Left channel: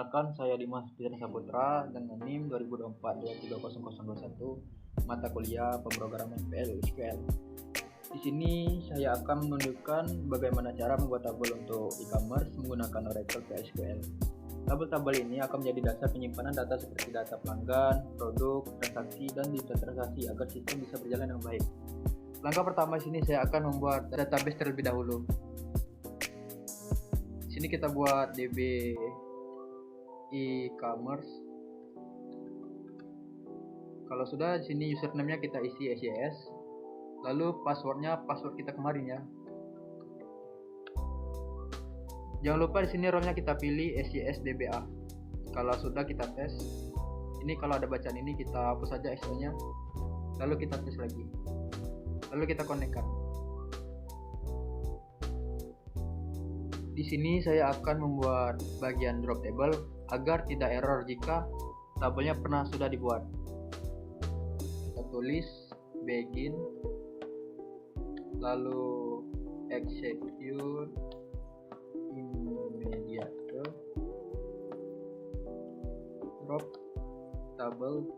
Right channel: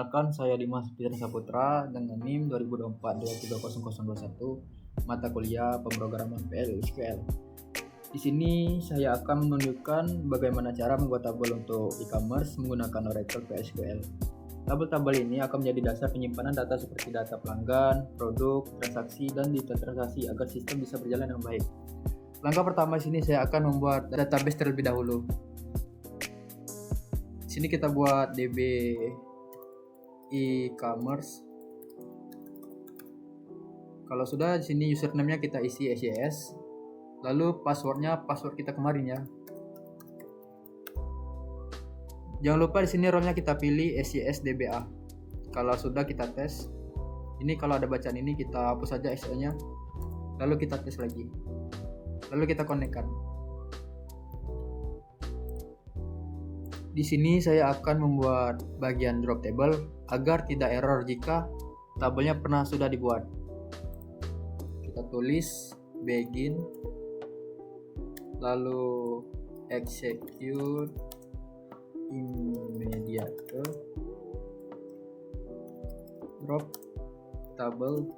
Perkenalkan, saya Dimas Fitri Saputra dengan NIM 2024-2021 mata kuliah pemrograman PL/SQL. Di sini saya akan menunjukkan bagaimana cara membuat tabel untuk e-commerce menggunakan Oracle PL/SQL. Tabel-tabel ini akan menjadi dasar penyimpanan data seperti data pelanggan, produk, transaksi, dan detail transaksi agar sistem bisa berjalan dengan baik. Langkah pertama di sini saya akan membuat database terlebih dahulu. Di sini kita buat DB e-commerce. Kalau sudah, di sini username-nya kita isi SES. Lalu password kita kemarin ya. Jangan lupa di sini role-nya kita pilih SES DBA. Kalau sudah kita tes. Ini kalau ada bacaan ini kita hapus saja extra-nya. Lalu kita tes lagi. Lalu kita connect-kan. Di sini saya akan membuat bagian drop table agar tidak error jika tabelnya pernah sudah dibuat. Kita tulis begin, lalu execute immediate drop table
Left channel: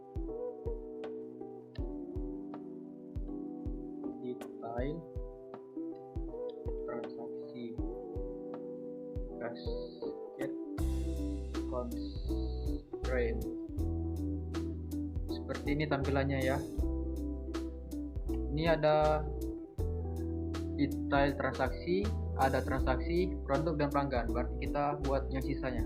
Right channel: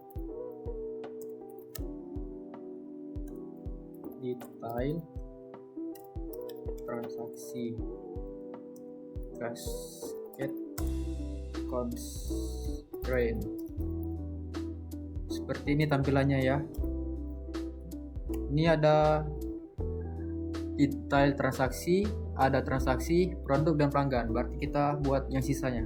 detail transaksi constraint. Seperti ini tampilannya ya. Ini ada detail transaksi, ada transaksi, produk dan pelanggan. Berarti kita buat yang sisanya.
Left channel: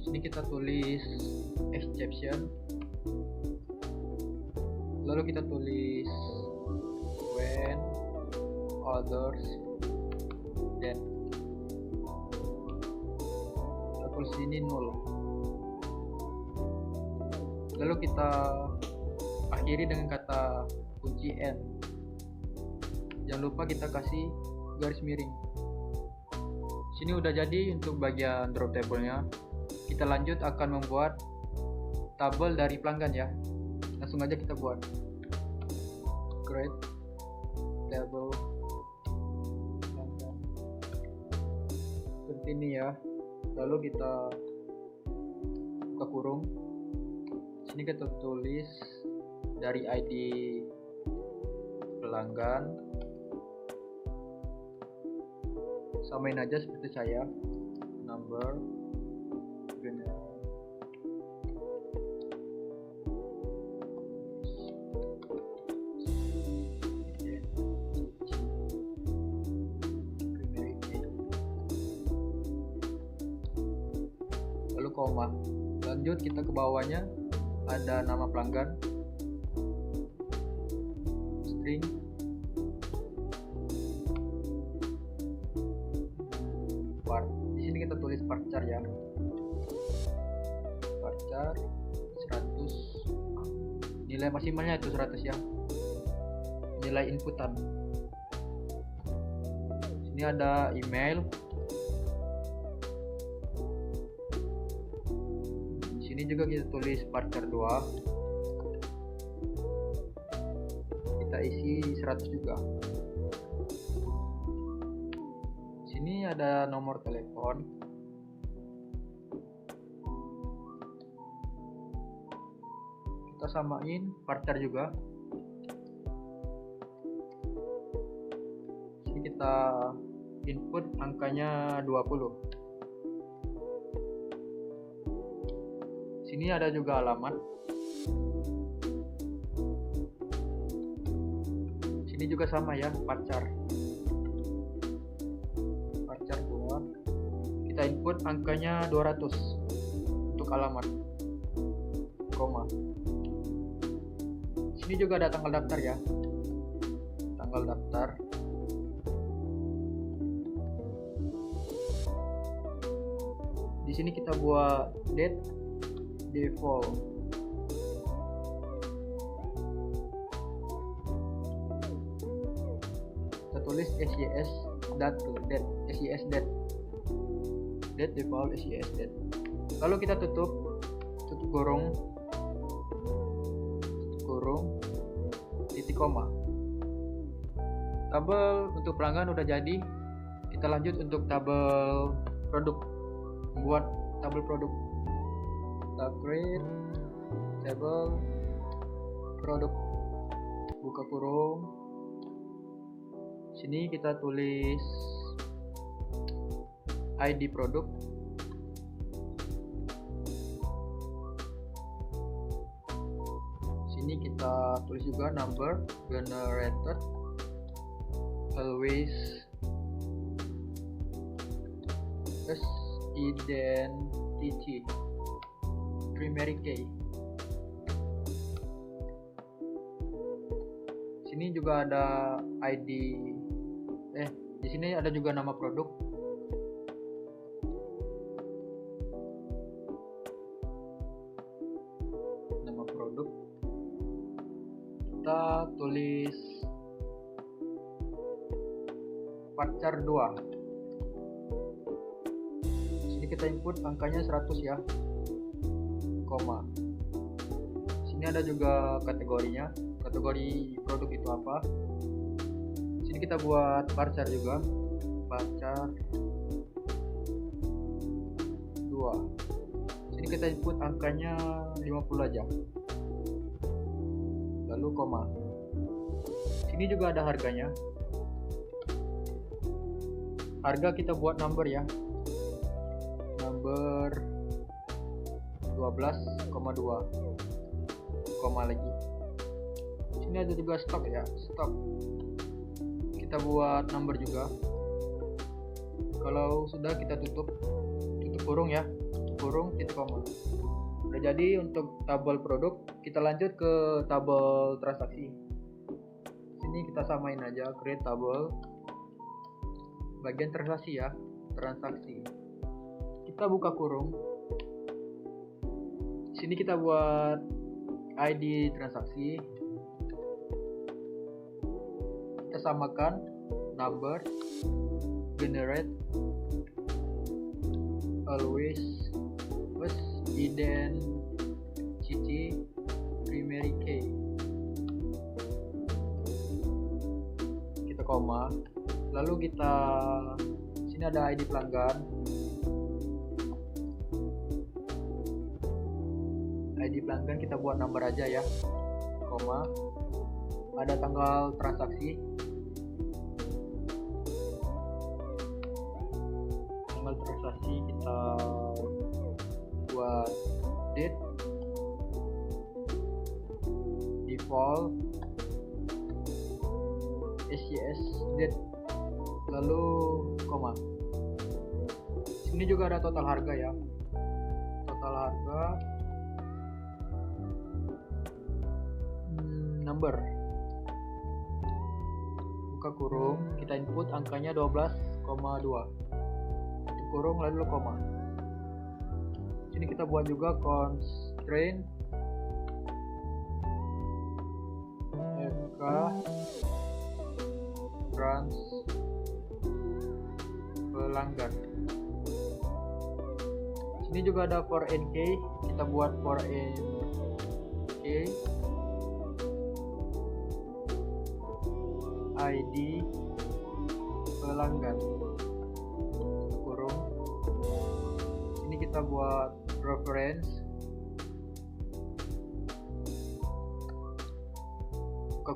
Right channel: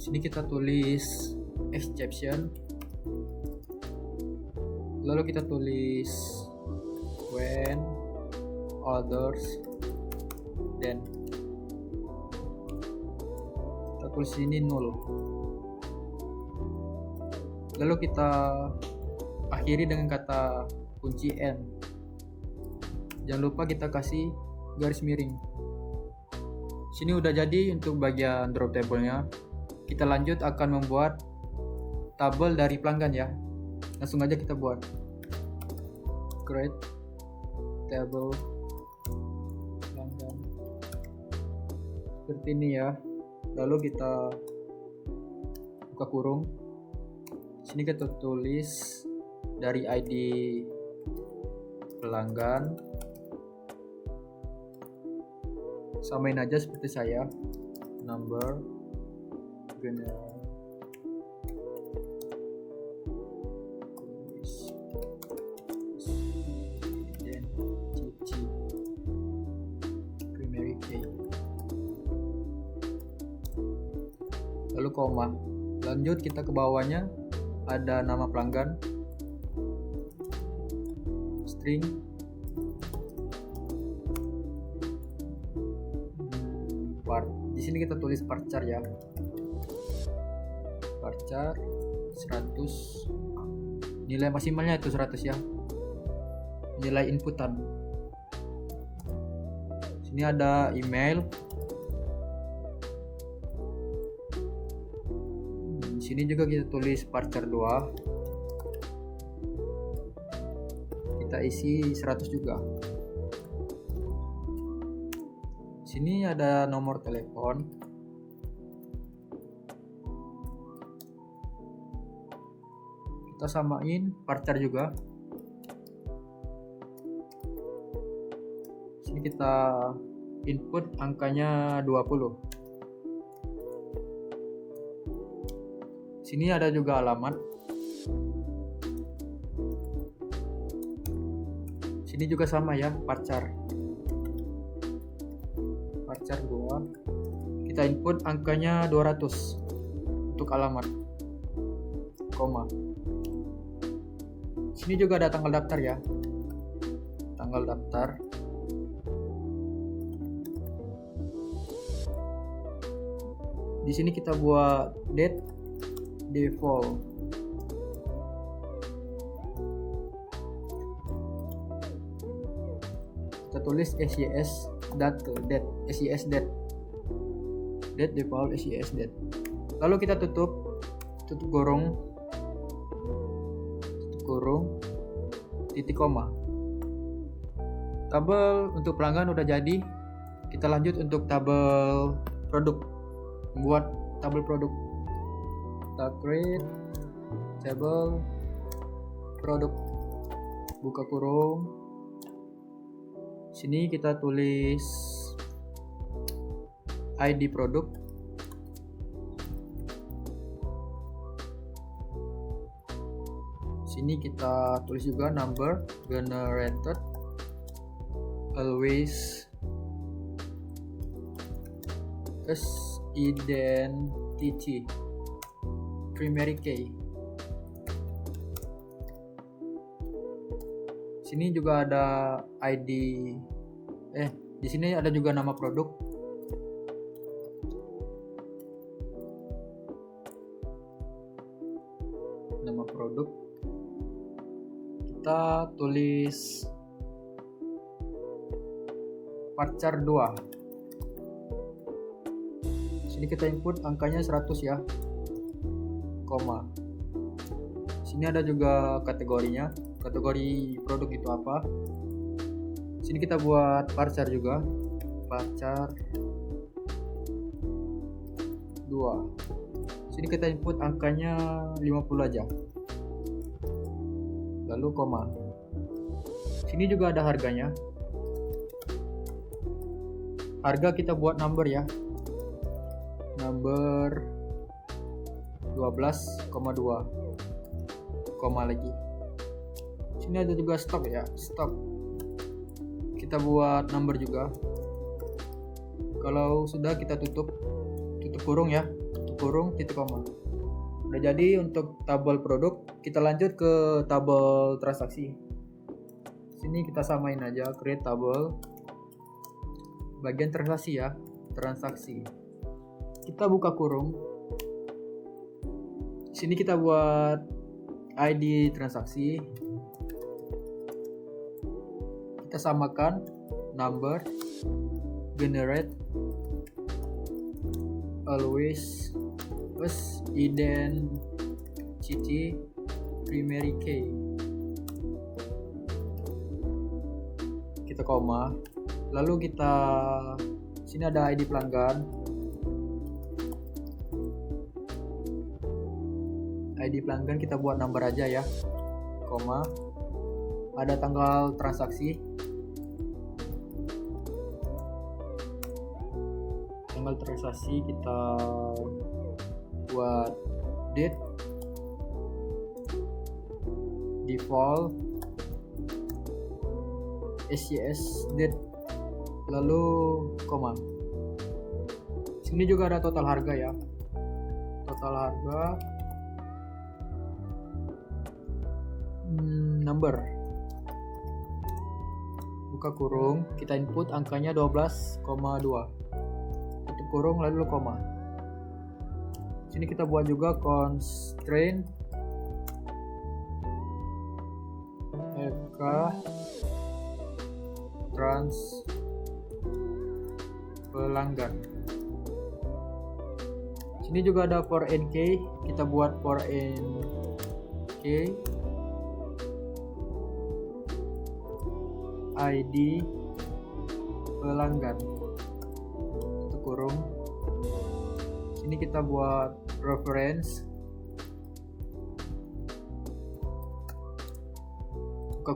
Sini kita tulis exception, lalu kita tulis when others then, kita tulis ini null, lalu kita akhiri dengan kata kunci n. Jangan lupa kita kasih garis miring. Sini udah jadi untuk bagian drop table-nya. Kita lanjut akan membuat tabel dari pelanggan ya. Langsung aja kita buat create table pelanggan seperti ini ya. Lalu kita buka kurung. Sini kita tulis dari ID pelanggan, samain aja seperti saya, number, koma. Lanjut kita ke bawahnya ada nama pelanggan, string, part. Di sini kita tulis varchar ya, varchar 100, nilai maksimalnya itu 100 ya, nilai inputan. Sini ada email. Sini juga kita tulis varchar 2, kita isi 100 juga. Sini ada nomor telepon, samain varchar juga. Sini kita input angkanya 20. Sini ada juga alamat. Sini juga sama ya, varchar 2. Kita input angkanya 200 untuk alamat, koma. Sini juga ada tanggal daftar ya, tanggal daftar. Di sini kita buat date default. Kita tulis SES date SES date default SES date. Lalu kita tutup kurung, titik koma. Tabel untuk pelanggan udah jadi. Kita lanjut untuk tabel produk. Buat tabel produk. Kita create tabel produk, buka kurung. Sini kita tulis ID produk. Sini kita tulis juga number generated always as identity primary key. Sini juga ada ID. Di sini ada juga nama produk. Nama produk. Kita tulis varchar 2. Sini kita input angkanya 100 ya, koma. Sini ada juga kategorinya, kategori produk itu apa. Sini kita buat varchar juga, varchar 2. Sini kita input angkanya 50 aja, lalu koma. Sini juga ada harganya. Harga kita buat number ya, number 12,2, koma lagi. Sini ada juga stok ya, stok. Kita buat number juga. Kalau sudah kita tutup kurung ya, tutup kurung, titik koma. Udah jadi untuk tabel produk. Kita lanjut ke tabel transaksi. Sini kita samain aja, create tabel, bagian transaksi ya, transaksi. Kita buka kurung. Sini kita buat ID transaksi. Kita samakan number generate always as identity primary key. Kita koma. Lalu kita sini ada ID pelanggan. ID pelanggan kita buat number aja ya, koma. Ada tanggal transaksi. Tanggal transaksi kita buat date default SES date, lalu koma. Sini juga ada total harga ya, total harga, number, buka kurung, kita input angkanya 12,2, tutup kurung lalu koma. Sini kita buat juga constraint trans pelanggan. Sini juga ada for NK, kita buat for NK ID pelanggan, kurung. Sini kita buat reference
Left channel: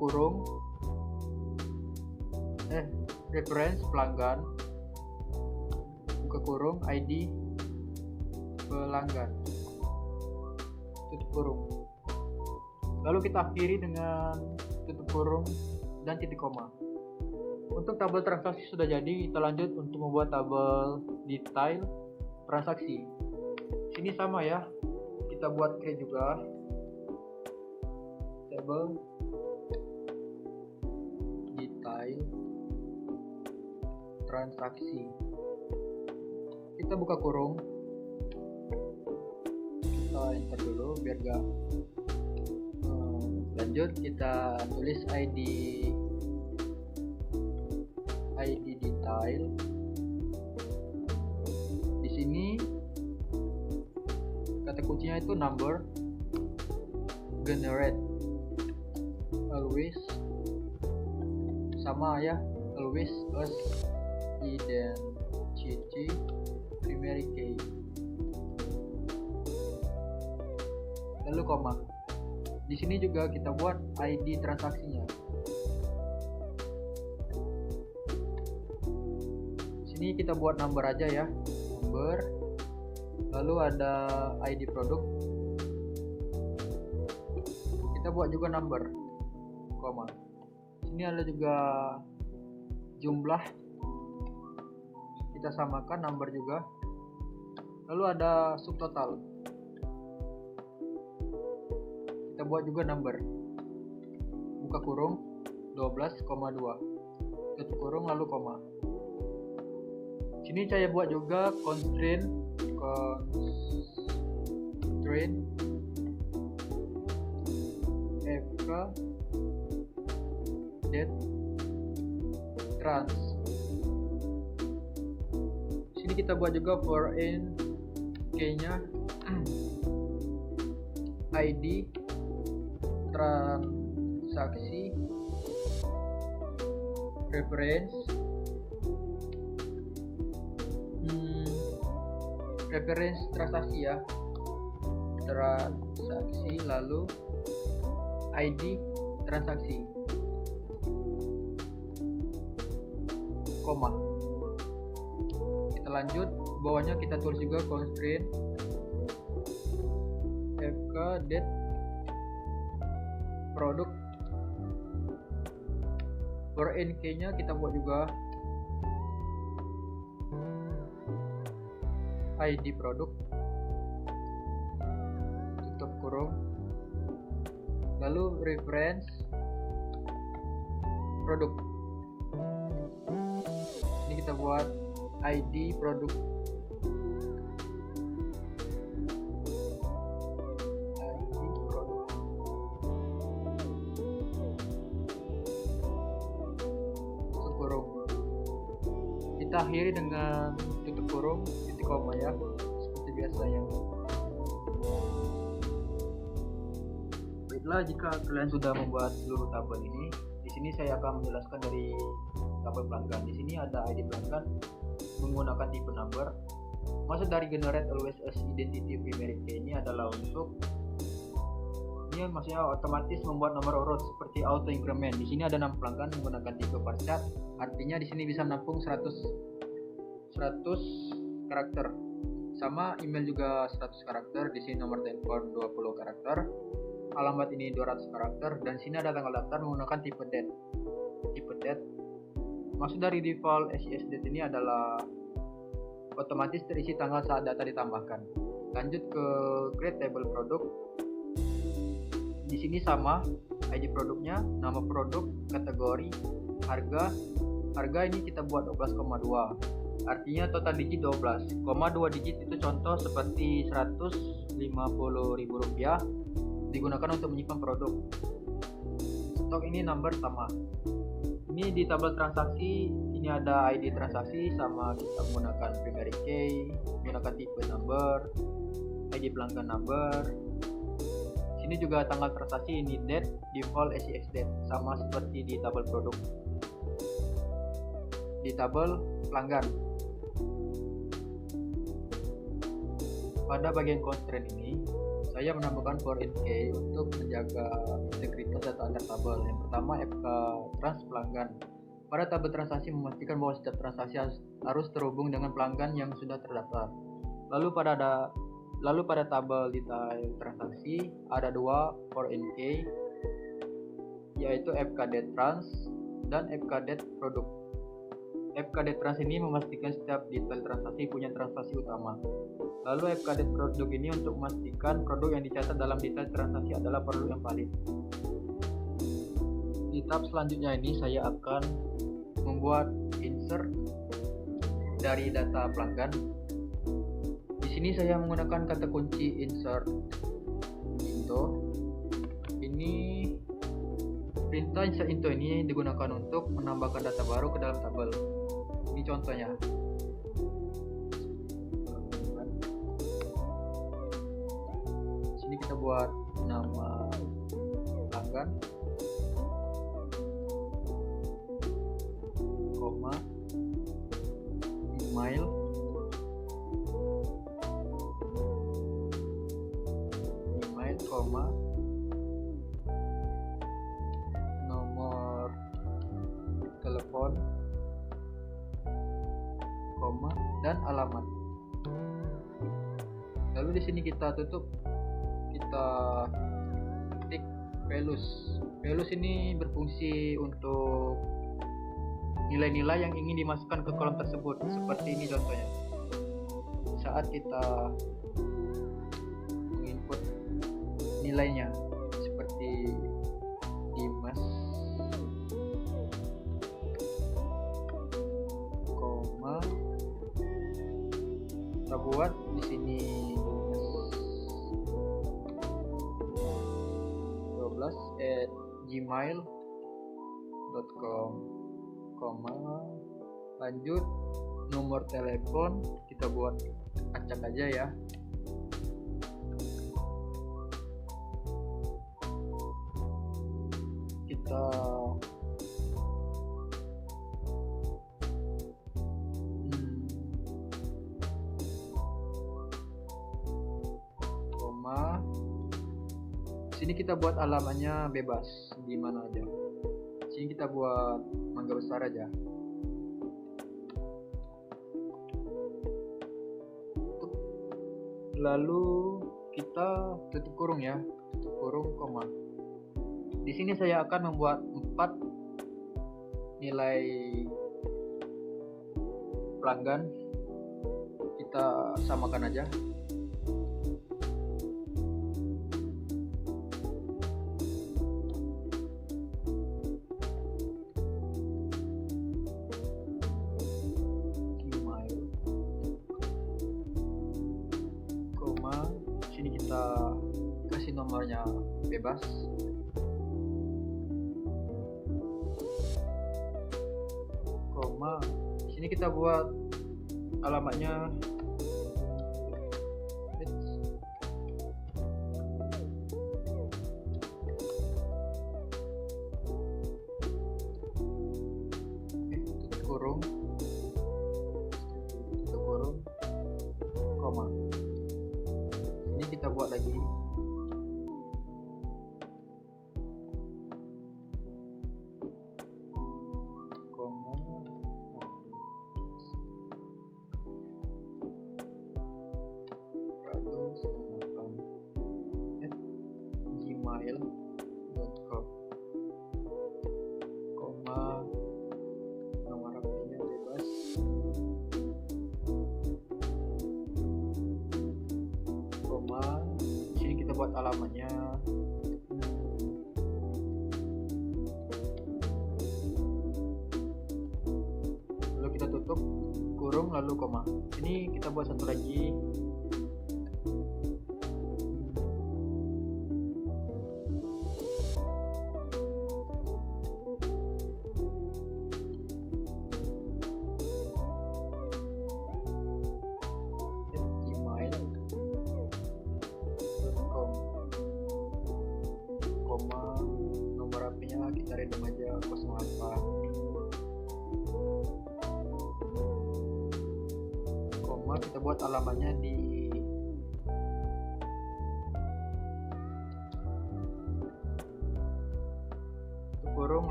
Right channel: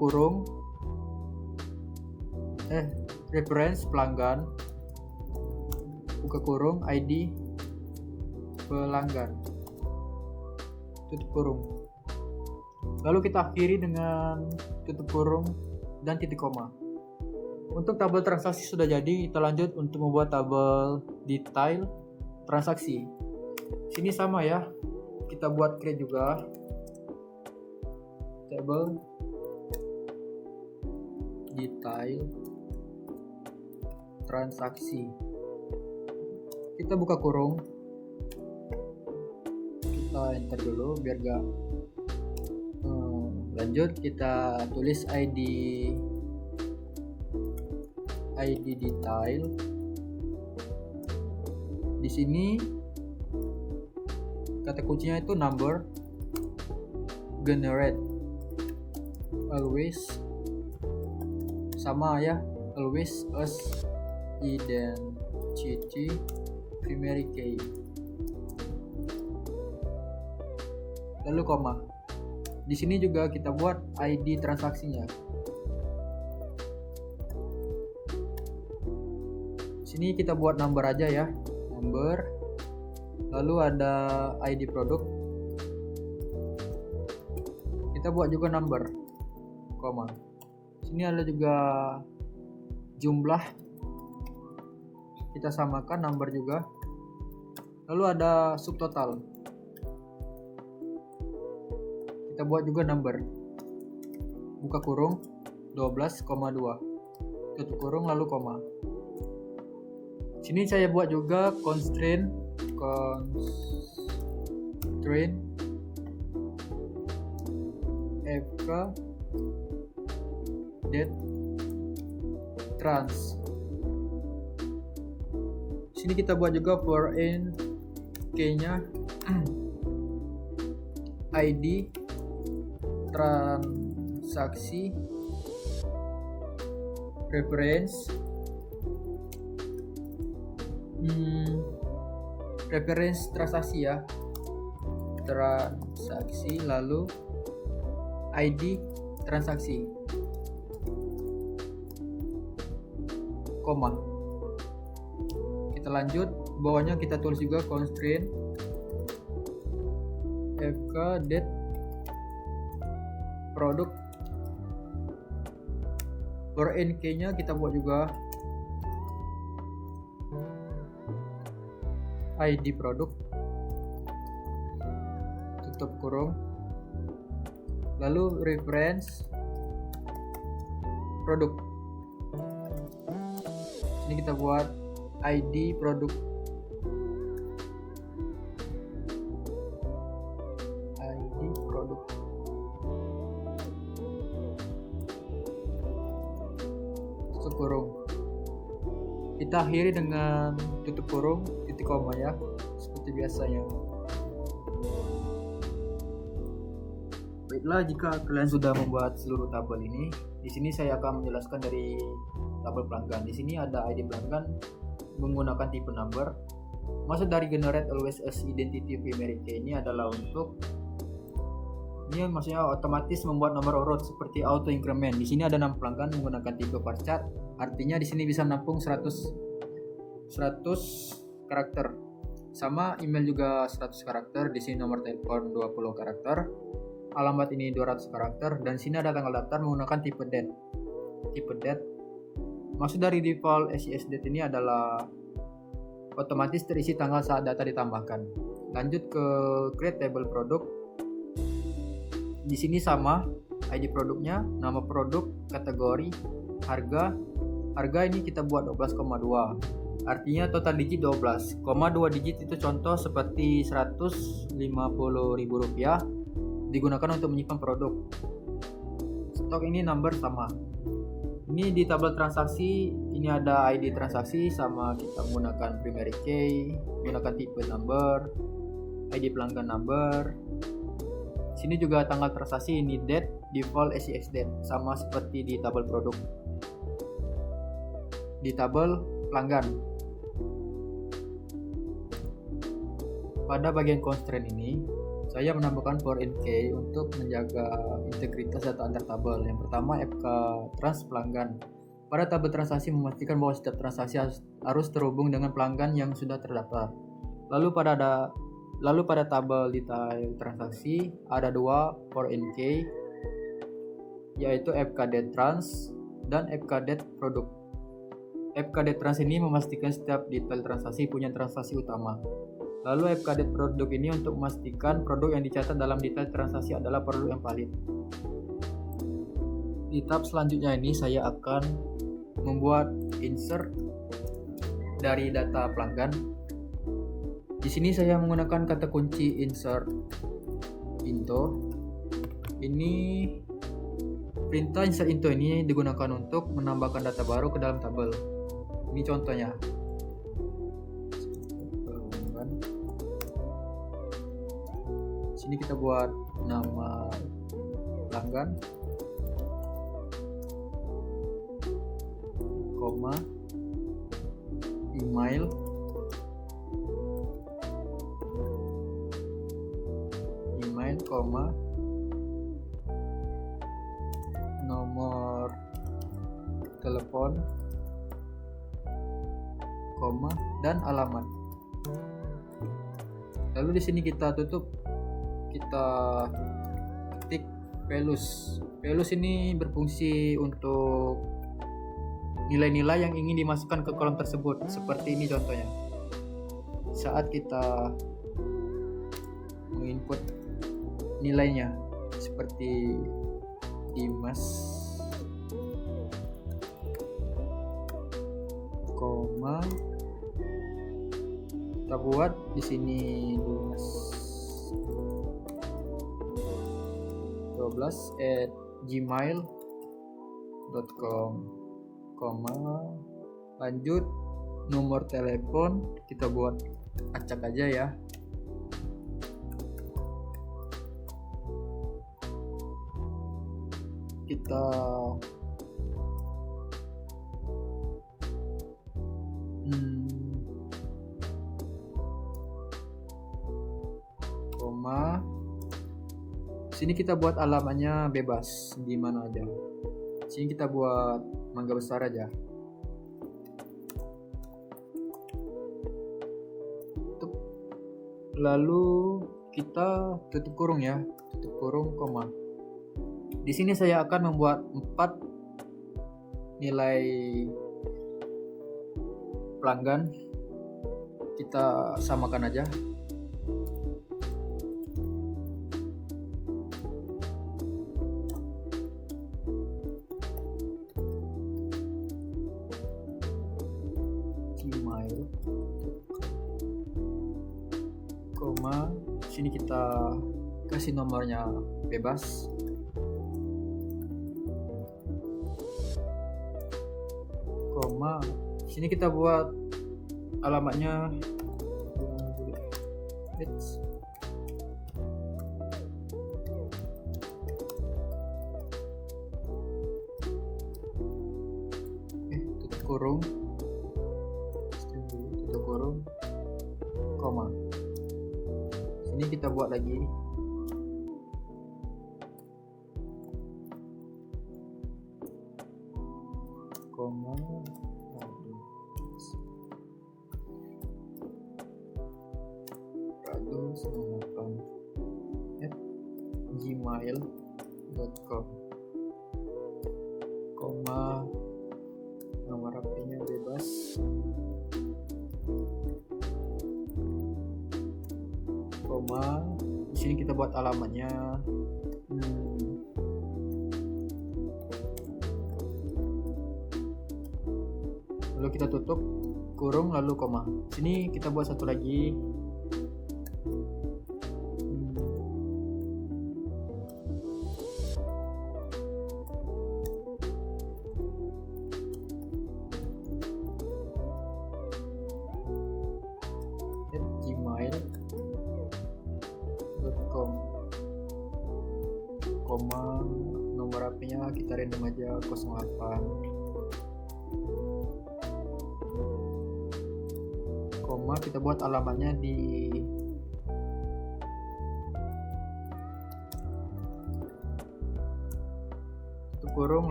kurung reference pelanggan, buka kurung ID pelanggan, tutup kurung. Lalu kita akhiri dengan tutup kurung dan titik koma. Untuk tabel transaksi sudah jadi, kita lanjut untuk membuat tabel detail transaksi. Sini sama ya, kita buat create juga tabel detail transaksi. Kita buka kurung, kita enter dulu biar gak lanjut. Kita tulis ID detail. Di sini kata kuncinya itu number generate, always sama ya, always as identity primary key, lalu koma. Di sini juga kita buat ID transaksinya. Sini kita buat number aja ya, number, lalu ada ID produk, kita buat juga number, koma. Sini ada juga jumlah, kita samakan number juga, lalu ada subtotal, kita buat juga number, buka kurung 12,2, tutup kurung lalu koma. Sini saya buat juga constraint fk date trans. Sini kita buat juga for in key-nya ID transaksi reference transaksi ya, transaksi, lalu ID transaksi, koma. Kita lanjut, bawahnya kita tulis juga constraint fk date product, for nk nya kita buat juga ID produk, tutup kurung, lalu reference produk. Ini kita buat ID produk, tutup kurung. Kita akhiri dengan tutup kurung titik koma ya, seperti biasanya. Baiklah, jika kalian sudah membuat seluruh tabel ini, di sini saya akan menjelaskan dari tabel pelanggan. Di sini ada ID pelanggan menggunakan tipe number. Maksud dari generate always as identity primary key ini adalah untuk ini maksudnya otomatis membuat nomor urut seperti auto increment. Di sini ada 6 pelanggan menggunakan tipe varchar, artinya di sini bisa menampung 100 karakter. Sama email juga 100 karakter, di sini nomor telepon 20 karakter, alamat ini 200 karakter, dan sini ada tanggal daftar menggunakan tipe date. Tipe date maksud dari default SIS date ini adalah otomatis terisi tanggal saat data ditambahkan. Lanjut ke create table produk. Di sini sama ID produknya, nama produk, kategori, harga ini kita buat 12,2. Artinya total digit 12, 2 digit itu contoh seperti Rp150.000 digunakan untuk menyimpan produk. Stok ini number sama. Ini di tabel transaksi, ini ada ID transaksi sama, kita menggunakan primary key, menggunakan tipe number, ID pelanggan number. Sini juga tanggal transaksi, ini date, default SIS date, sama seperti di tabel produk. Di tabel pelanggan, pada bagian constraint ini saya menambahkan for in key untuk menjaga integritas data antar tabel. Yang pertama komunitas pelanggan. Pada tabel transaksi memastikan bahwa setiap transaksi harus terhubung dengan pelanggan yang sudah terdaftar. Lalu pada tabel detail transaksi ada dua for NK, yaitu FKD Trans dan FKD Produk. FKD Trans ini memastikan setiap detail transaksi punya transaksi utama. Lalu FKD Produk ini untuk memastikan produk yang dicatat dalam detail transaksi adalah produk yang valid. Di tahap selanjutnya ini saya akan membuat insert dari data pelanggan. Di sini saya menggunakan kata kunci insert into. Ini perintah insert into ini digunakan untuk menambahkan data baru ke dalam tabel. Ini contohnya. Sini kita buat nama pelanggan, koma, email, koma, nomor telepon, koma, dan alamat. Lalu di sini kita tutup, kita ketik values. Values ini berfungsi untuk nilai-nilai yang ingin dimasukkan ke kolom tersebut. Seperti ini contohnya. Saat kita menginput nilainya seperti Dimas, koma, kita buat di sini 12@gmail.com, koma, lanjut nomor telepon kita buat acak aja ya. Kita koma, sini kita buat alamatnya bebas di mana aja. Sini kita buat Mangga Besar aja. Lalu kita tutup kurung ya, tutup kurung koma. Di sini saya akan membuat 4 nilai pelanggan. Kita samakan aja. Bebas, koma, sini kita buat alamatnya tutup kurung, koma. Sini kita buat lagi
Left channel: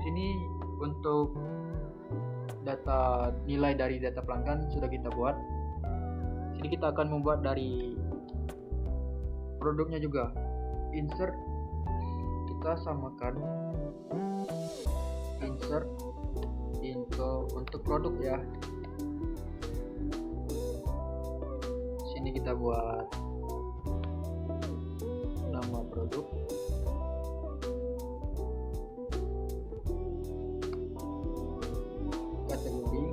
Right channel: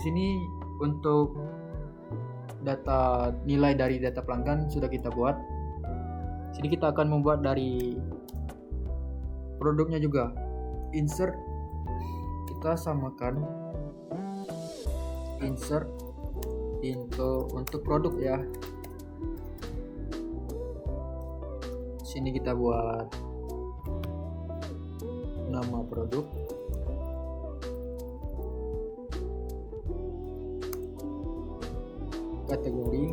Di sini untuk data nilai dari data pelanggan sudah kita buat. Di sini kita akan membuat dari produknya juga. Insert, kita samakan insert untuk produk ya. Di sini kita buat nama produk, kategori,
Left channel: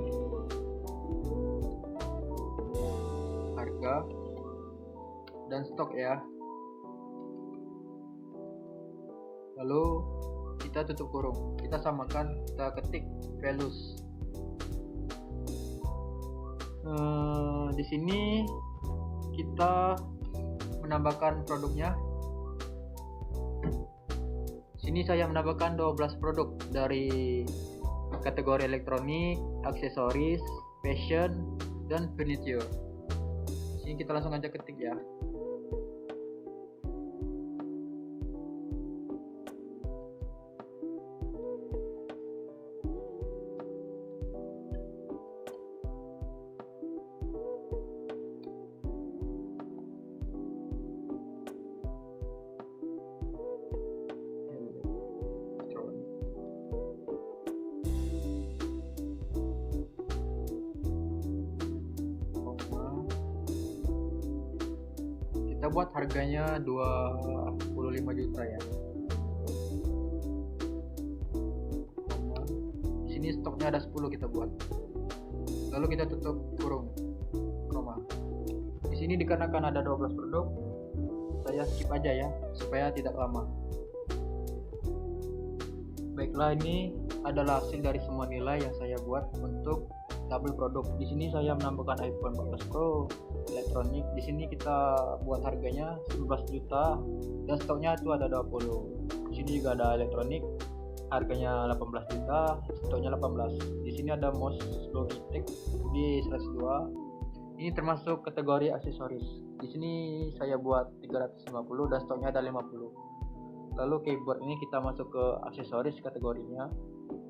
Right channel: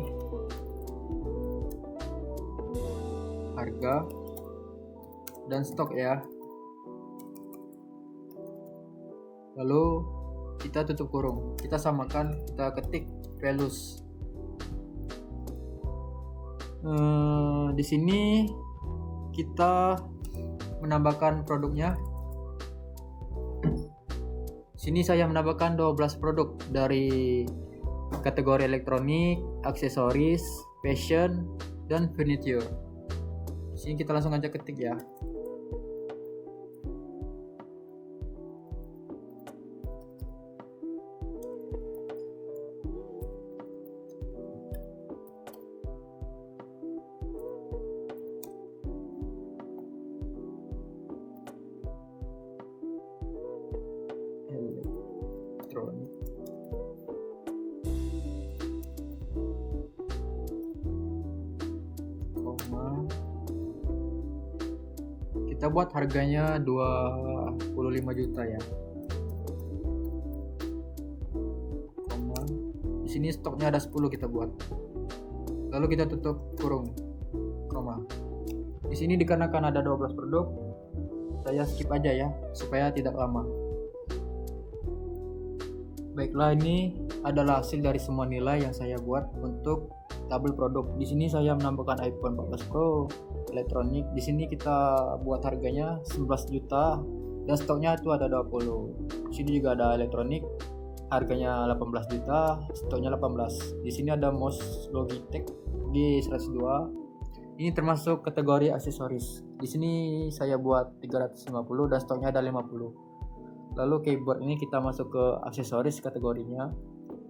harga, dan stok ya. Lalu kita tutup kurung, kita samakan, kita ketik values. Di sini kita menambahkan produknya. Sini saya menambahkan 12 produk dari kategori elektronik, aksesoris, fashion, dan furniture. Di sini kita langsung aja ketik ya. Buat harganya 25 juta ya. Di sini stoknya ada 10 kita buat. Lalu kita tutup kurung, koma. Di sini dikarenakan ada 12 produk, saya skip aja ya supaya tidak lama. Baiklah, ini adalah hasil dari semua nilai yang saya buat untuk tabel produk. Di sini saya menambahkan iPhone 14 Pro, elektronik. Di sini kita buat harganya 11 juta dan stoknya itu ada 20. Di sini juga ada elektronik, harganya 18 juta, stoknya 18. Di sini ada mouse Logitech G102. Ini termasuk kategori aksesoris. Di sini saya buat 350 dan stoknya ada 50. Lalu keyboard ini kita masuk ke aksesoris kategorinya.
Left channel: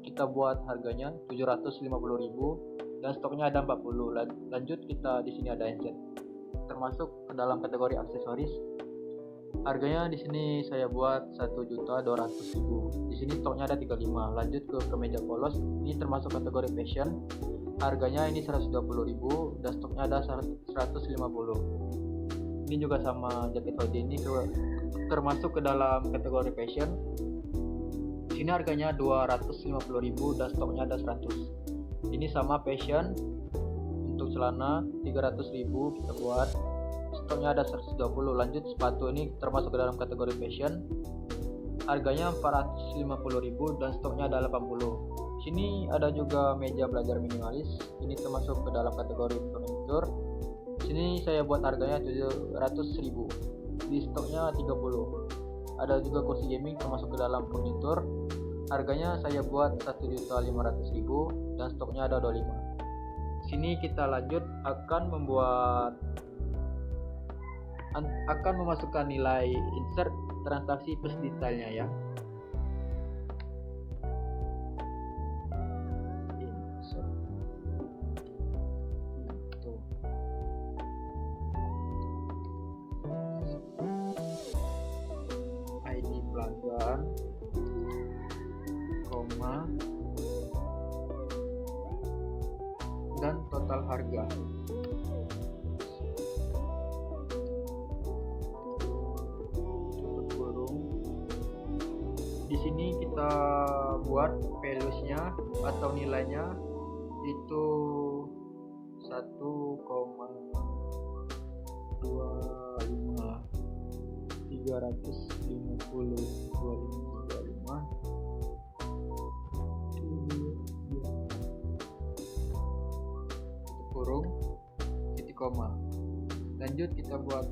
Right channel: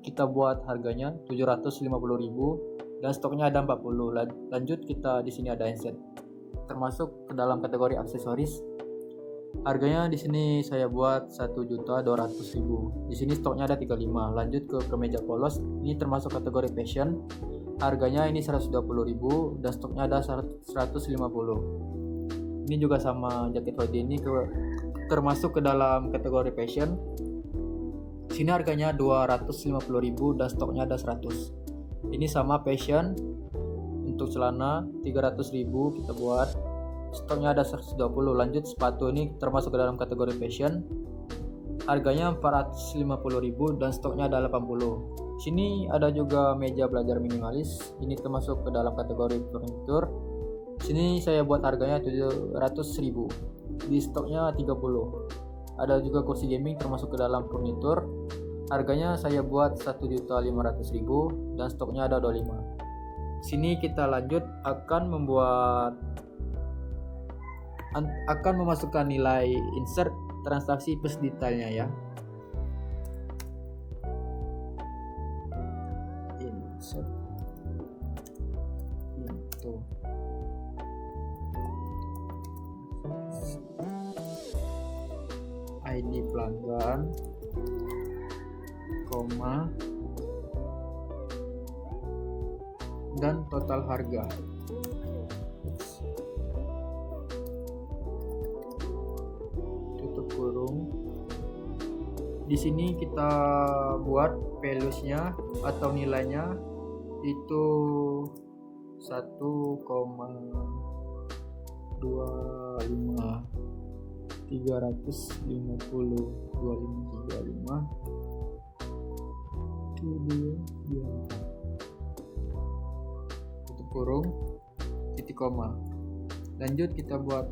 Kita buat harganya 750.000 dan stoknya ada 40. Lanjut kita di sini ada headset termasuk ke dalam kategori aksesoris. Harganya di sini saya buat 1.200.000. Di sini stoknya ada 35. Lanjut ke kemeja polos, ini termasuk kategori fashion. Harganya ini 120.000 dan stoknya ada 150. Ini juga sama jaket hoodie ini termasuk ke dalam kategori fashion. Di sini harganya 250.000 dan stoknya ada 100. Ini sama fashion. Untuk celana 300.000 kita buat, stoknya ada 120. Lanjut sepatu, ini termasuk ke dalam kategori fashion. Harganya 450.000 dan stoknya ada 80. Sini ada juga meja belajar minimalis. Ini termasuk ke dalam kategori furniture. Sini saya buat harganya 700.000. Di stoknya 30. Ada juga kursi gaming termasuk ke dalam furniture. Harganya saya buat 1.500.000 dan stoknya ada 25. Sini kita lanjut akan memasukkan nilai insert transaksi plus detailnya ya. Di sini kita buat values-nya atau nilainya itu 1,25 titik koma. Lanjut kita buat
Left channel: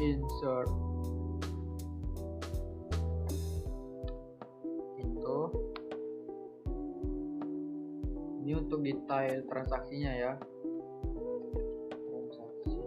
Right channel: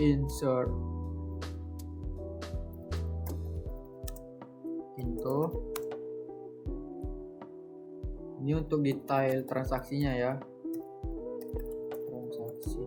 insert ini untuk detail transaksinya ya. Transaksi.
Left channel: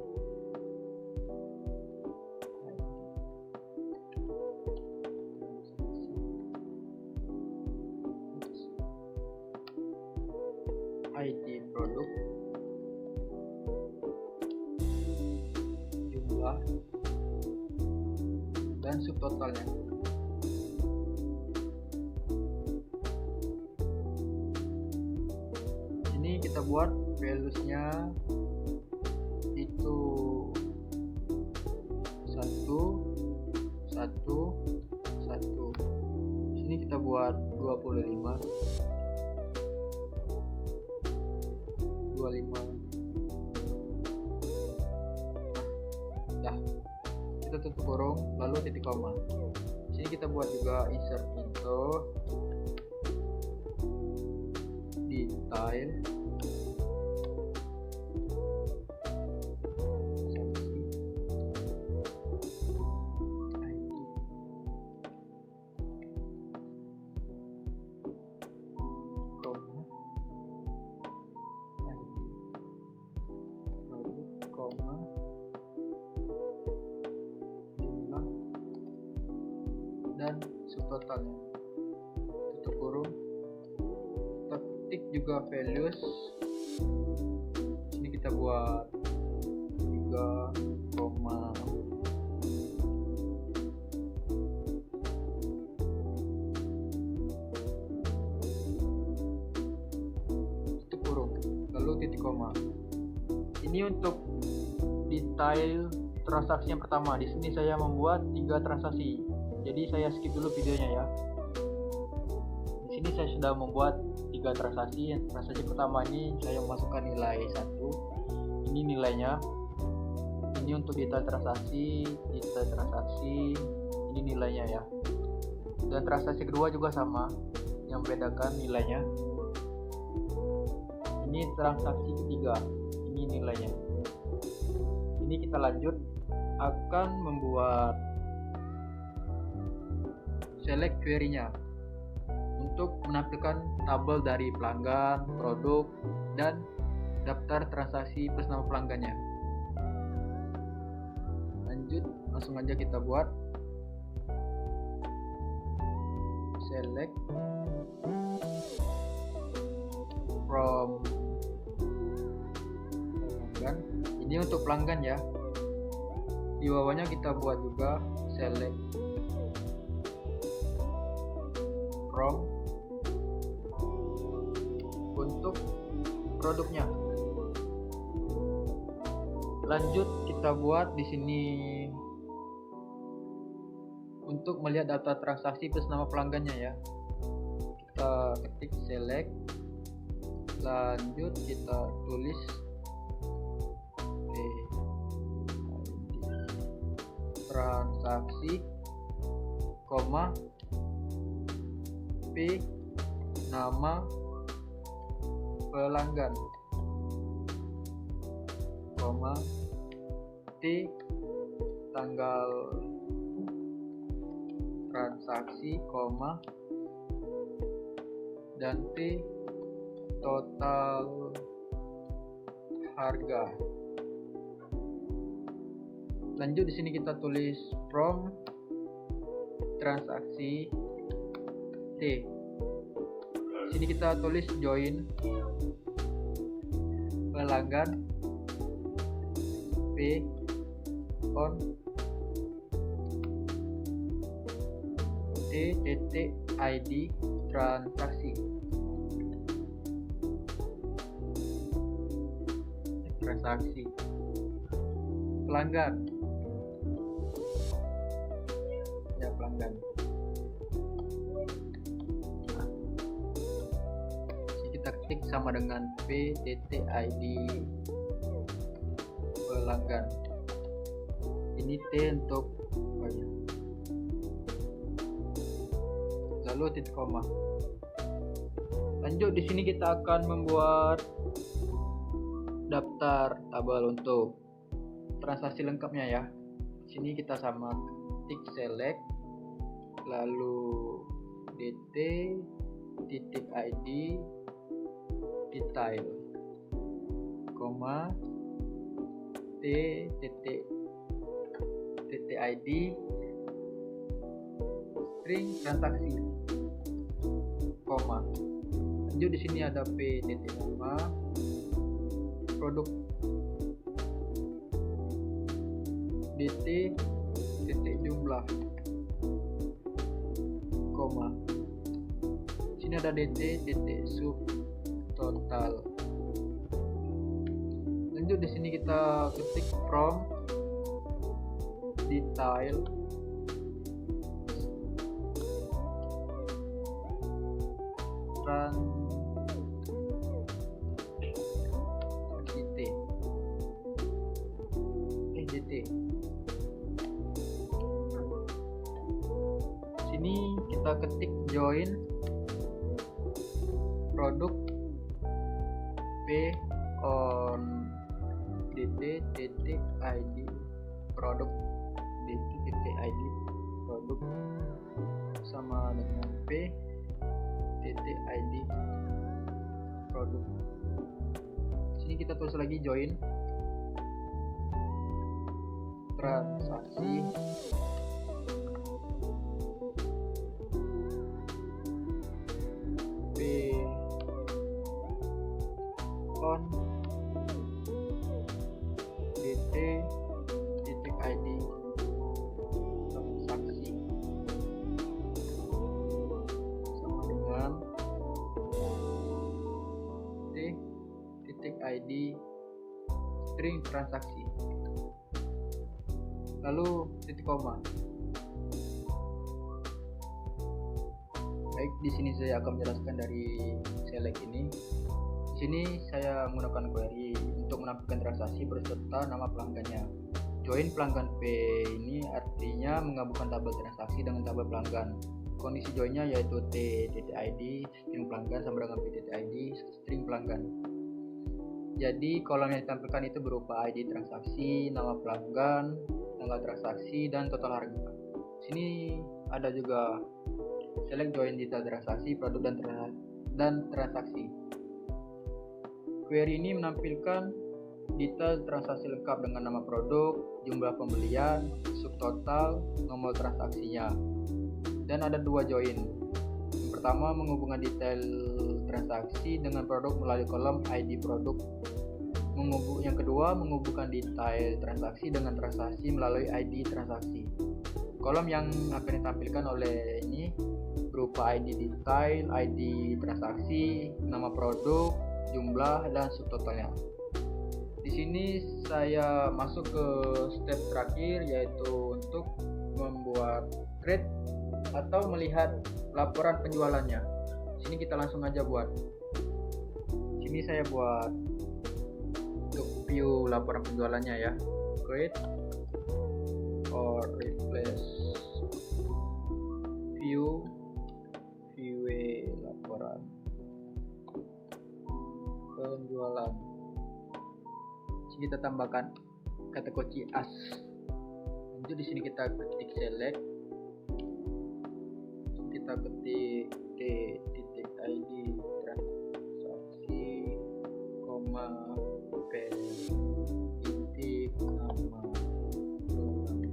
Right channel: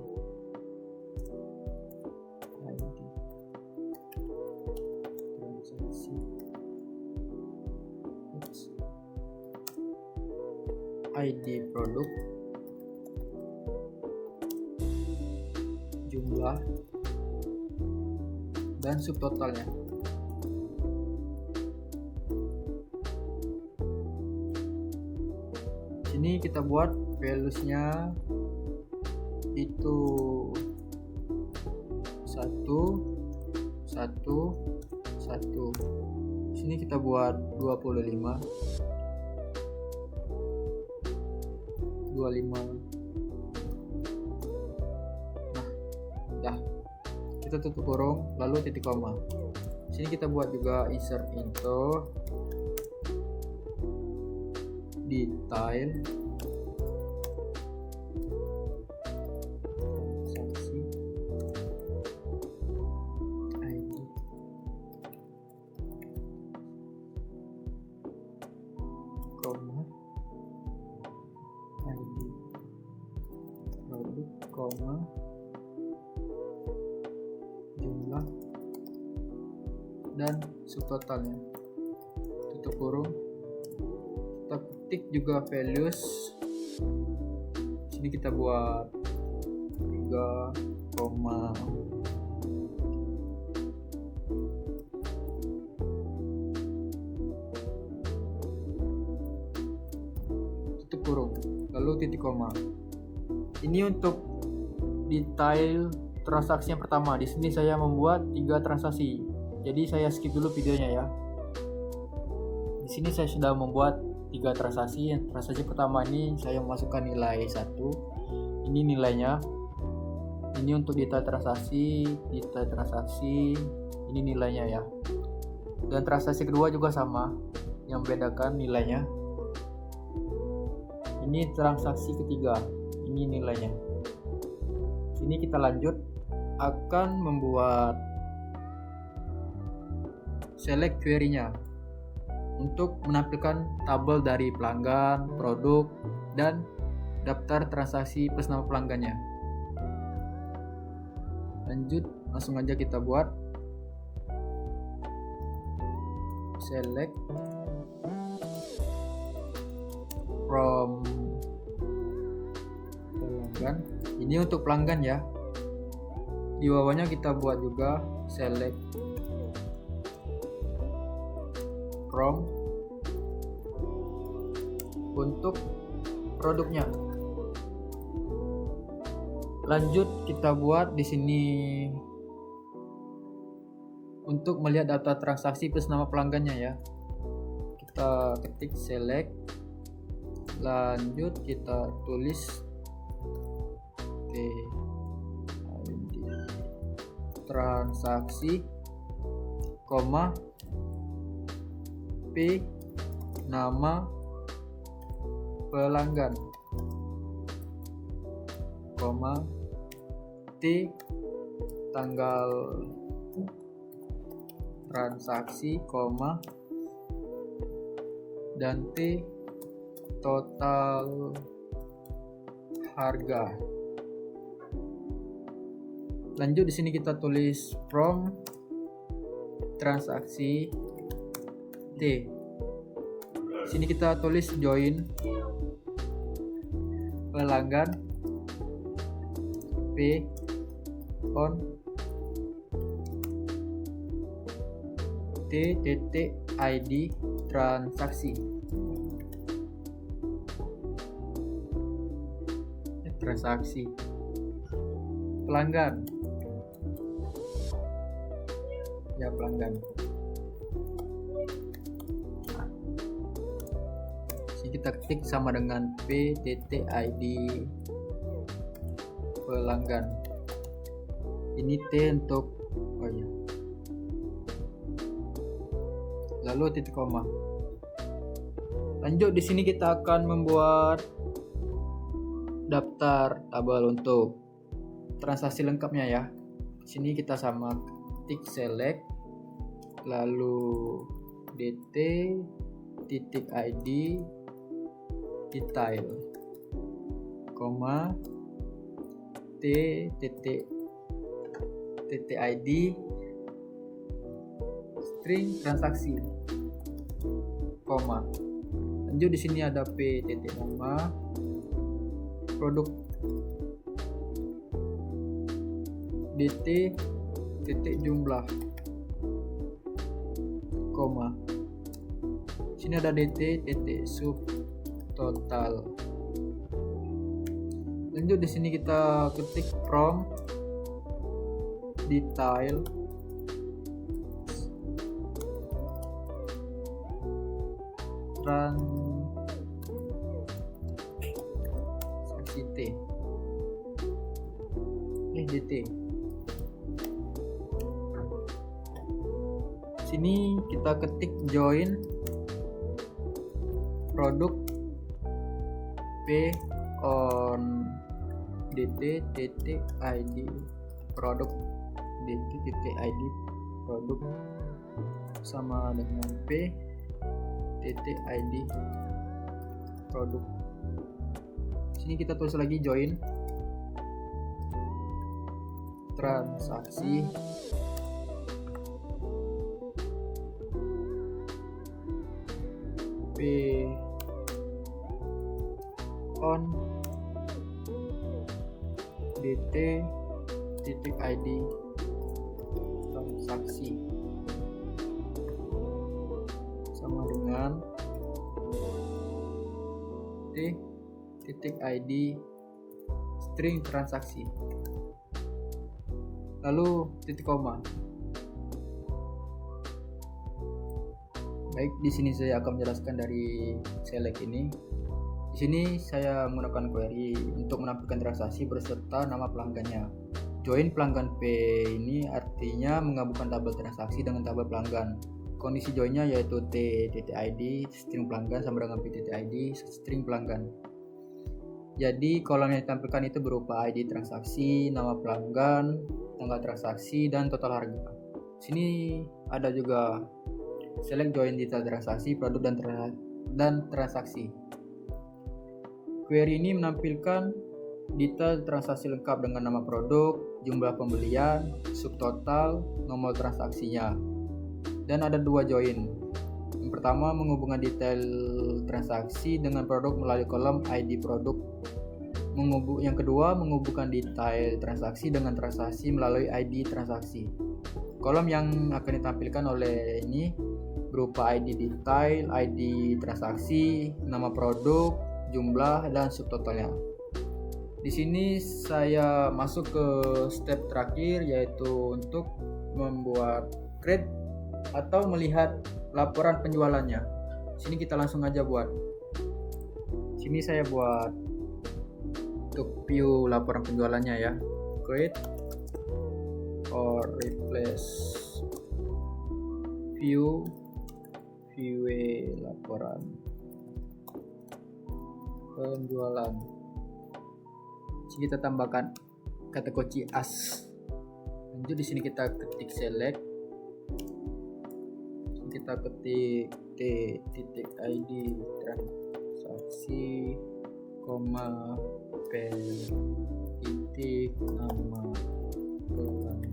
subtotalnya, tutup kurung, kita ketik juga values. Sini kita buat 3, tutup kurung, lalu titik koma. Ini untuk detail transaksi yang pertama. Di sini saya membuat 3 transaksi. Jadi saya skip dulu videonya ya. Di sini saya sudah membuat 3 transaksi. Transaksi pertama ini saya masukkan nilai 1. Ini nilainya. Ini untuk detail transaksi, ini nilainya ya. Dan transaksi kedua juga sama. Yang membedakan nilainya. Ini transaksi ketiga. Ini nilainya. Sini kita lanjut akan membuat select query-nya untuk menampilkan tabel dari pelanggan, produk, dan daftar transaksi plus nama pelanggannya. Lanjut, langsung aja kita buat select from, dan ini untuk pelanggan ya. Di bawahnya kita buat juga select from untuk produknya. Lanjut kita buat di sini untuk melihat data transaksi plus nama pelanggannya ya. Kita ketik select, lanjut kita tulis transaksi, koma, P nama pelanggan, koma, T tanggal transaksi, koma, dan T total harga. Lanjut di sini kita tulis from transaksi T. Di sini kita tulis join pelanggan P on T.id transaksi. Transaksi pelanggan. Ya, pelanggan. Jadi kita ketik sama dengan p.id pelanggan. Ini T untuk banyak. Lalu titik koma. Lanjut di sini kita akan membuat daftar tabel untuk transaksi lengkapnya ya. Di sini kita sama ketik select, lalu dt.id detail, koma, t.id string transaksi, koma. Lanjut di sini ada p.5 produk, dt titik jumlah, koma. Sini ada dt titik sub total. Lanjut di sini kita ketik from detail ketik join produk P on dt.id produk dt.id produk sama dengan p.id produk. Sini kita tulis lagi join transaksi string transaksi, lalu titik koma. Baik, di sini saya akan menjelaskan dari select ini. Di sini saya menggunakan query untuk menampilkan transaksi berserta nama pelanggannya. Join pelanggan P ini artinya menggabungkan tabel transaksi dengan tabel pelanggan. Kondisi joinnya yaitu t.id string pelanggan sama dengan p.id string pelanggan. Jadi kolom yang ditampilkan itu berupa ID transaksi, nama pelanggan, tanggal transaksi, dan total harga. Sini ada juga select join detail transaksi, produk dan transaksi. Query ini menampilkan detail transaksi lengkap dengan nama produk, jumlah pembelian, subtotal, nomor transaksinya. Dan ada dua join. Yang pertama menghubungkan detail transaksi dengan produk melalui kolom ID produk. Yang kedua menghubungkan detail transaksi dengan transaksi melalui ID transaksi. Kolom yang akan ditampilkan oleh ini berupa ID detail, ID transaksi, nama produk, jumlah, dan subtotalnya. Di sini saya masuk ke step terakhir, yaitu untuk membuat create atau melihat laporan penjualannya. Sini kita langsung aja buat. Sini saya buat untuk view laporan penjualannya ya. Create or replace view laporan penjualan. Kita tambahkan kata kunci as. Lanjut di sini kita ketik select, kita ketik t.id transaksi, koma p titik nama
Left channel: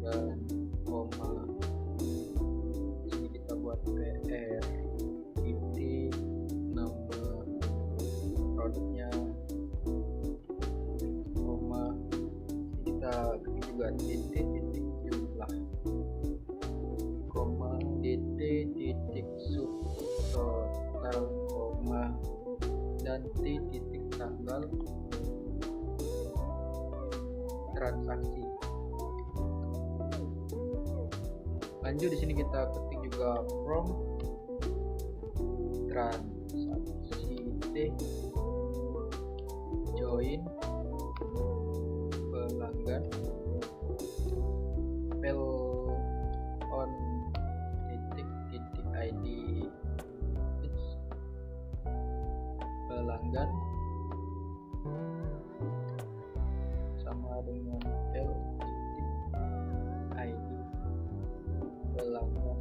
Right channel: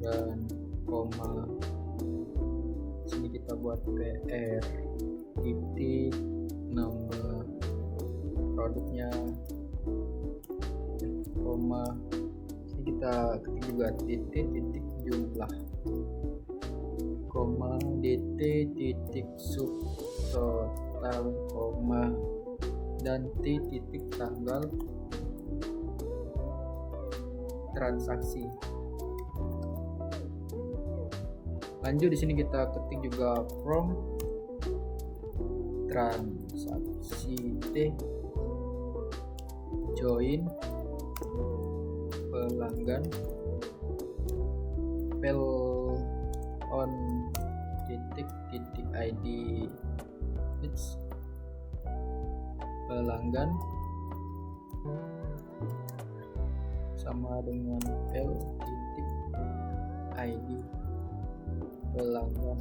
dan koma. Sini kita buat pr titik nama produknya, koma. Kita ketik juga titik jumlah, koma titik subtotal, koma, dan titik tanggal transaksi. Lanjut di sini kita ketik juga from transaksi join pelanggan pel on titik id it's pelanggan sama dengan pel titik id pelanggan.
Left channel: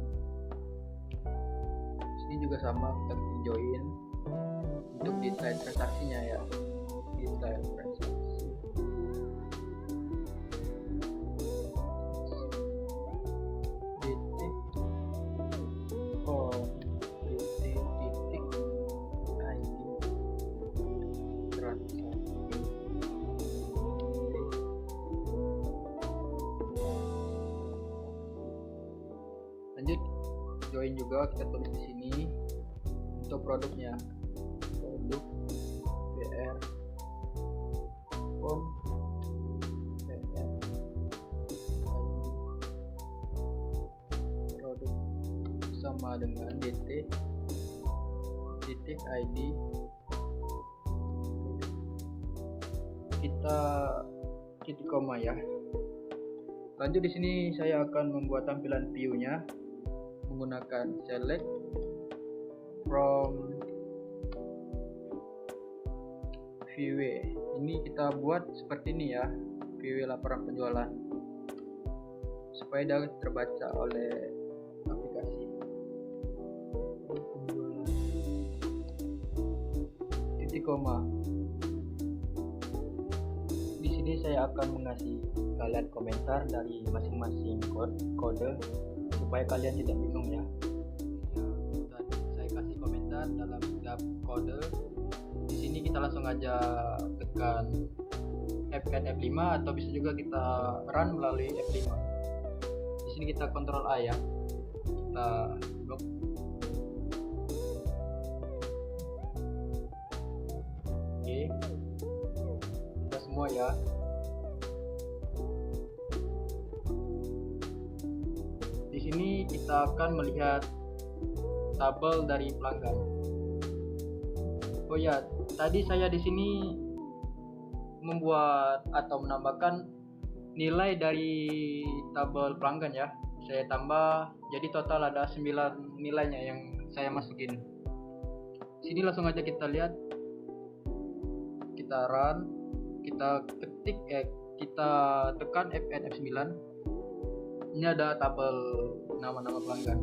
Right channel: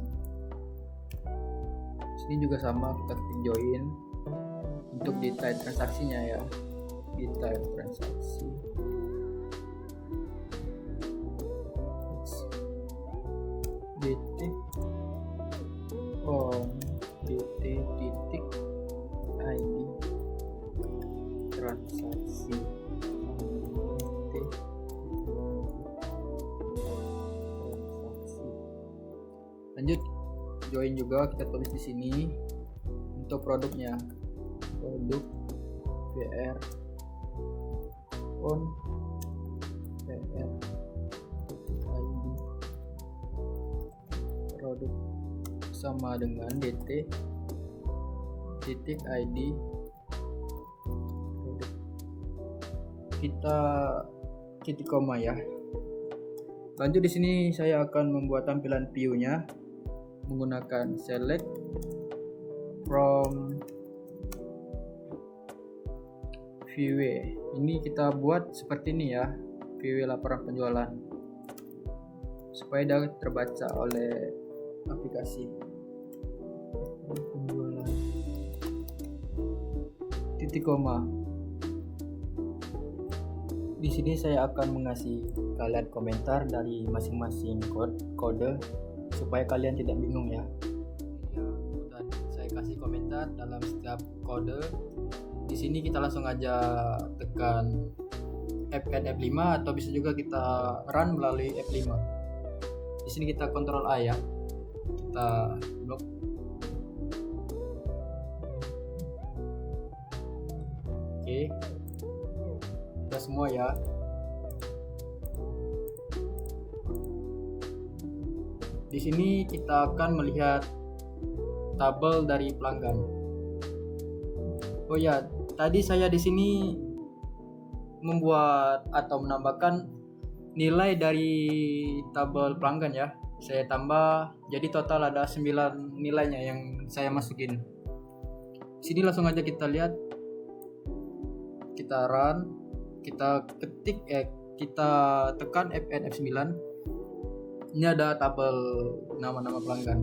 Sini juga sama, kita ketik join untuk detail transaksinya ya, detail transaksi. Titik on titik id transaksi. Lanjut join juga, kita tulis di sini untuk produknya, produk PR on PR produk sama dengan dt titik id. Kita titik koma ya. Lanjut di sini saya akan membuat tampilan view-nya menggunakan select from view. Ini kita buat seperti ini ya, view laporan penjualan supaya dapat terbaca oleh aplikasi. Titik koma. Di sini saya akan mengasih kalian komentar dari masing-masing kode supaya kalian tidak bingung ya. Dan saya kasih komentar dalam setiap kode. Di sini kita langsung aja tekan F5 atau bisa juga kita run melalui F5. Di sini kita Ctrl A ya. Kita blok. Oke. Kita semua ya. akan melihat tabel dari pelanggan. Oh ya, tadi saya di sini membuat atau menambahkan nilai dari tabel pelanggan ya. Saya tambah, jadi total ada 9 nilainya yang saya masukin. Sini langsung aja kita lihat, kita run, kita ketik kita tekan Fn F9. Ini ada tabel nama-nama pelanggan.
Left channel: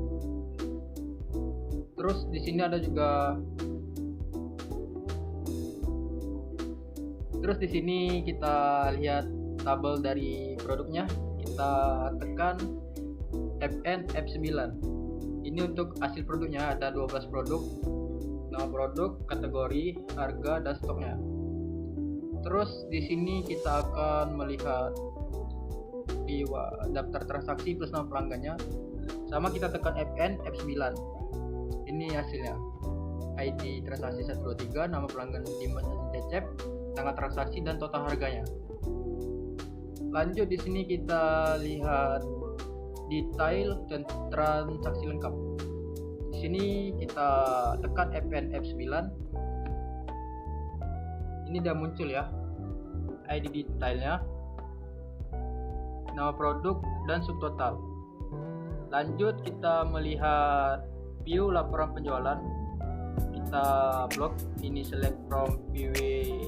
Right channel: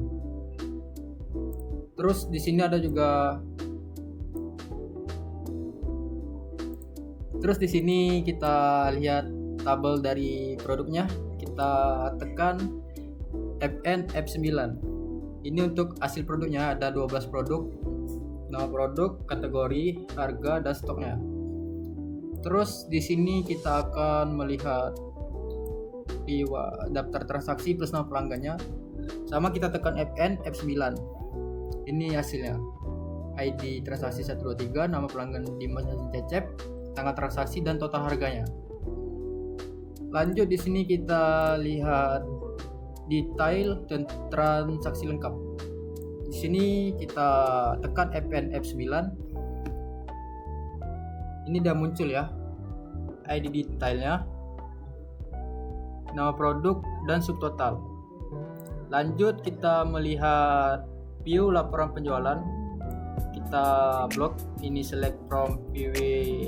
Terus di sini ada juga, terus di sini kita lihat tabel dari produknya. Kita tekan Fn F9. Ini untuk hasil produknya, ada 12 produk, nama produk, kategori, harga, dan stoknya. Terus di sini kita akan melihat di daftar transaksi plus nama pelanggannya. Sama kita tekan Fn F9. Ini hasilnya. ID transaksi 123, nama pelanggan Dimas Cecep, tanggal transaksi dan total harganya. Lanjut di sini kita lihat detail dan transaksi lengkap. Di sini kita tekan Fn F9. Ini udah muncul ya ID detailnya, nama produk dan subtotal. Lanjut kita melihat view laporan penjualan. Kita blok ini, select from view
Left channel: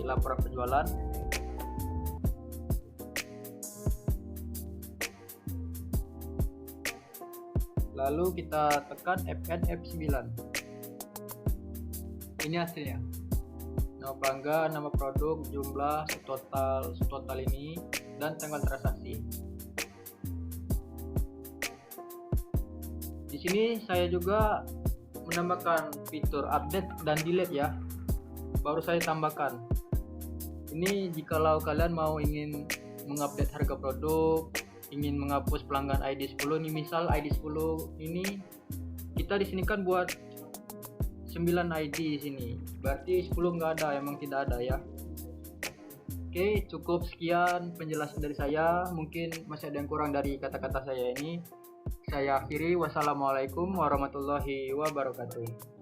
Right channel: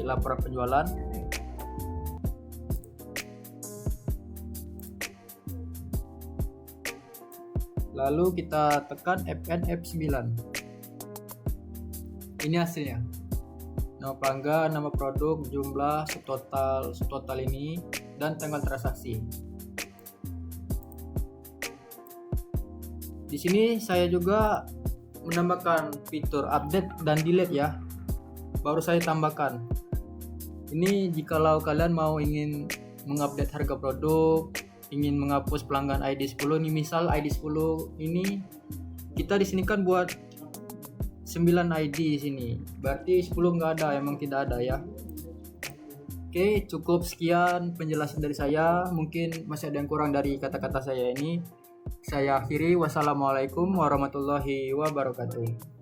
laporan penjualan. Lalu kita tekan Fn F9. Ini hasilnya. Nama pelanggan, nama produk, jumlah, subtotal ini, dan tanggal transaksi. Di sini saya juga menambahkan fitur update dan delete ya. Baru saya tambahkan. Ini jikalau kalian ingin mengupdate harga produk, ingin menghapus pelanggan ID 10 nih, misal ID 10 ini kita di sini kan buat 9 ID di sini. Berarti 10 nggak ada, emang tidak ada ya. Oke, cukup sekian penjelasan dari saya. Mungkin masih ada yang kurang dari kata-kata saya ini. Saya akhiri. Wassalamualaikum warahmatullahi wabarakatuh.